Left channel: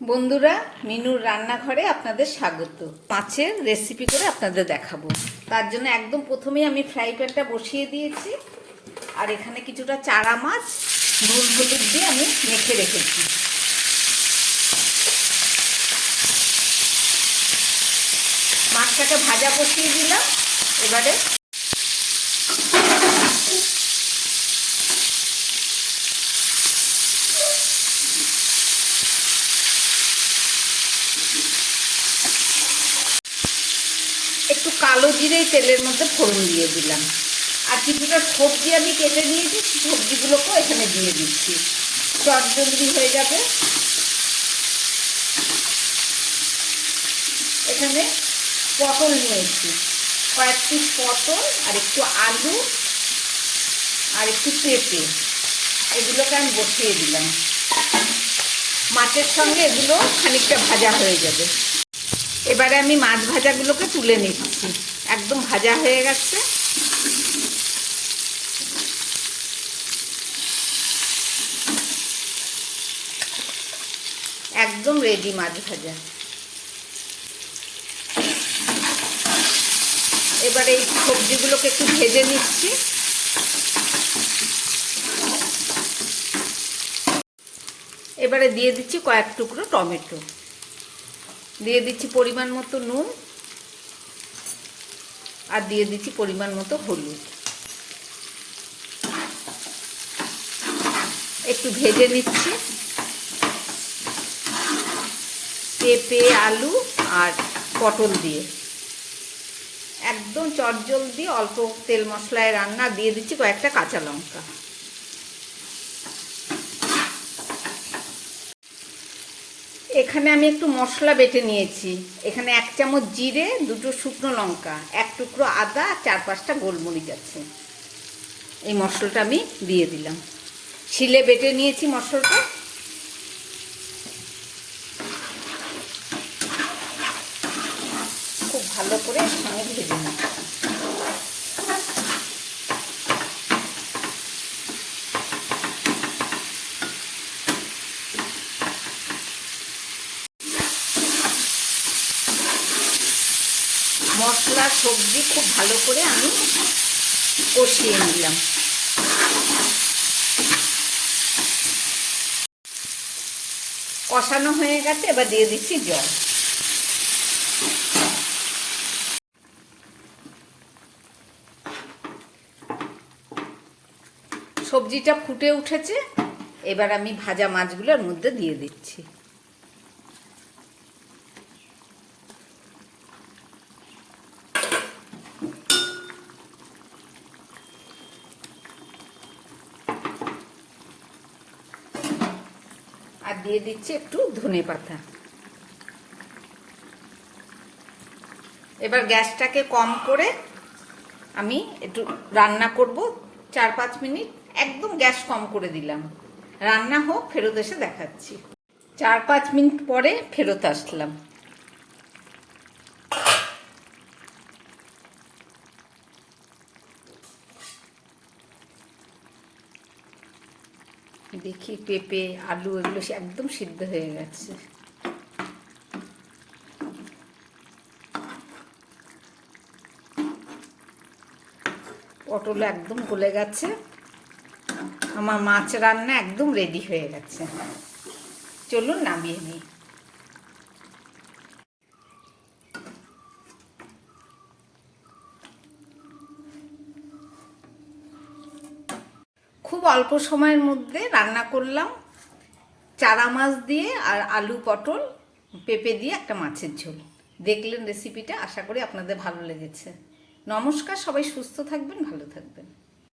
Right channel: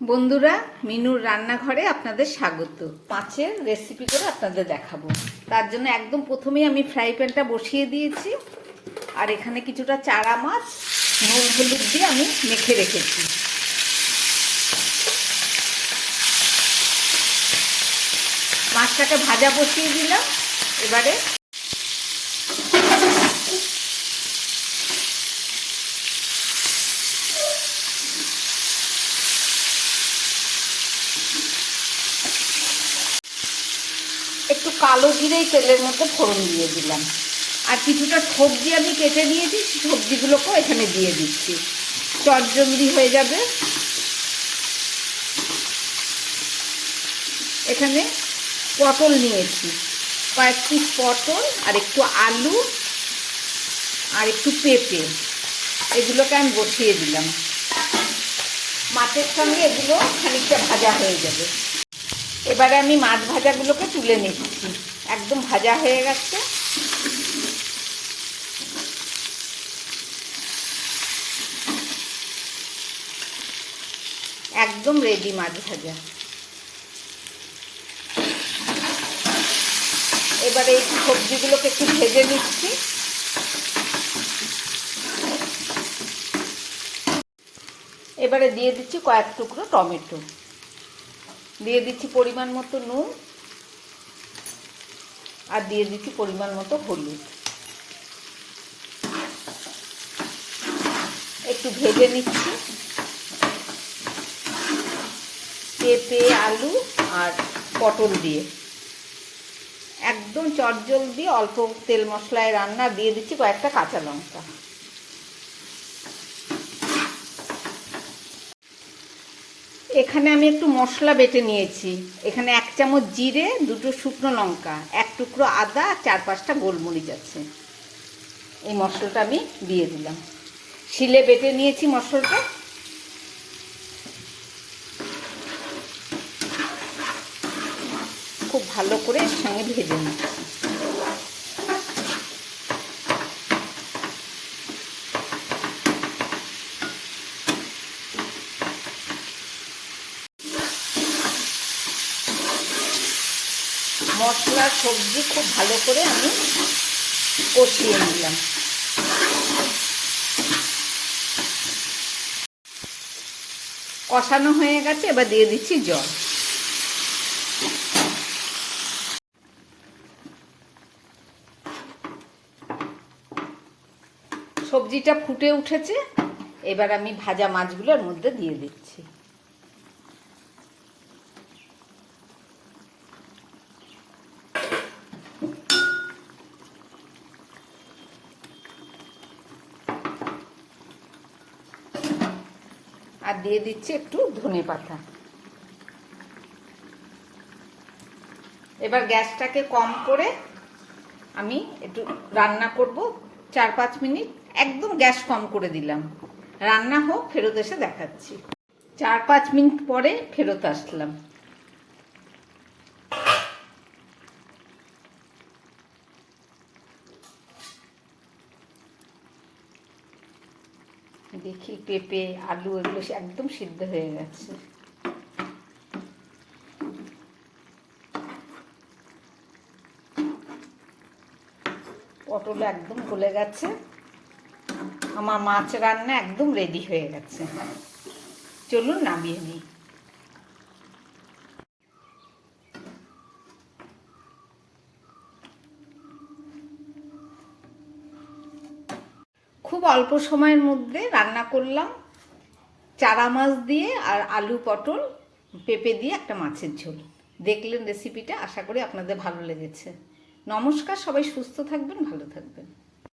বন্ধুরা, মিনুর রান্নাঘরে আপনাদের স্বাগত। পাঁচের রেসিপি করে আপনাদের দেখাবো। তার জন্য একদম প্রথমেই আমি ফ্রাই প্যানটা বসিয়ে দিয়েছি। আর এখানে কিছুটা চারা মাছ, নুন হলুদ দিয়ে আমি মেখে রেখেছি। মাছটাকে ভাজা বসিয়ে দিলাম। এবারে একটু কালো জিরেই তেলের মধ্যে ফোড়ন দিয়ে দিলাম। আর কিছুটা সবজি আমি কেটে দিয়েছি সবজিগুলোকেও এখানে দিয়ে দিচ্ছি। চটজলদি হয়ে যাবে। এখানে পটল নিয়েছি। কয়েক পিস পটল আর একটু আলু আর একটু পেঁপে। এগুলোকে আমি বসিয়ে দিলাম। মাছের সঙ্গে এগুলো খানিকটা ভাজা হয়ে যাবে। এবারে আমি মাছ ভাজাগুলোকে তুলে নিচ্ছি। একদম ভাজা হয়ে গেছে। একদম রেডি মাছ ভাজা। এবারে এই সবজিগুলোকে একটু ভেজে নিচ্ছি। এবারে দিয়ে দিচ্ছি কয়েক টুকরো টমেটো। দিয়ে দিচ্ছি পরিমাণ মতো নুন আর দিয়ে দিচ্ছি পরিমাণ মতো হলুদ। একটু ভেজে নিচ্ছি। পেঁপে, আলু আর পটল দিয়ে। একদম চটজল দিয়ে অল্প তেল মশলায় রান্না, দিয়ে দিচ্ছি কয়েকটা কাঁচা লঙ্কা। এখানে আমি একটু মশলা বেটে নিয়েছি। এখানে এক চামচ জিরে, দুটো শুকনো লঙ্কা, এক টুকরো আদা, চার পাঁচটা গোলমরিচ আছে। এই মশলাটা আমি দিয়ে দিলাম। শিলে বেটে নিয়েছি মশলাটা। খুব ভালো করে সঙ্গে ভেজে নিচ্ছি। মশলা, সবজি খুব ভালো করে আমি কষিয়ে নিলাম। কষানো হয়ে গেছে, এবার দিয়ে দিচ্ছি জল। সবজিটা ফুটে উঠেছে, এবার আমি ভাজা মাছগুলোর মধ্যে দিয়ে দিচ্ছি। আর দিয়ে দিচ্ছি একটু ধনে পাতা। এবার গ্যাসটাকে কম করে আমি একটু রান্না করব, চার পাঁচ মিনিট। একদম গ্যাস কম করে দিলাম। রান্না হোক, ফেরত এসে দেখাচ্ছি। চার পাঁচ মিনিট পরে ফেরত আসলাম। দেখি পেঁপে, আলু, এগুলো একদম সিদ্ধ হয়ে গেছে। পটল একদম গলে গেছে। আমার মাছ রান্না একদম রেডি হয়ে গেছে। চলুন নামিয়ে নিই। খুব অল্প সময়ের মধ্যে রান্না করলাম। চারা মাছ দিয়ে আর আলু পটল, পেঁপে দিয়ে একটা মাছের ঝোল। দেখলেন রেসিপিটা আশা করি আপনাদের ভালো লেগেছে। নমস্কার, সবাই সুস্থ থাকবেন, ভালো থাকবেন।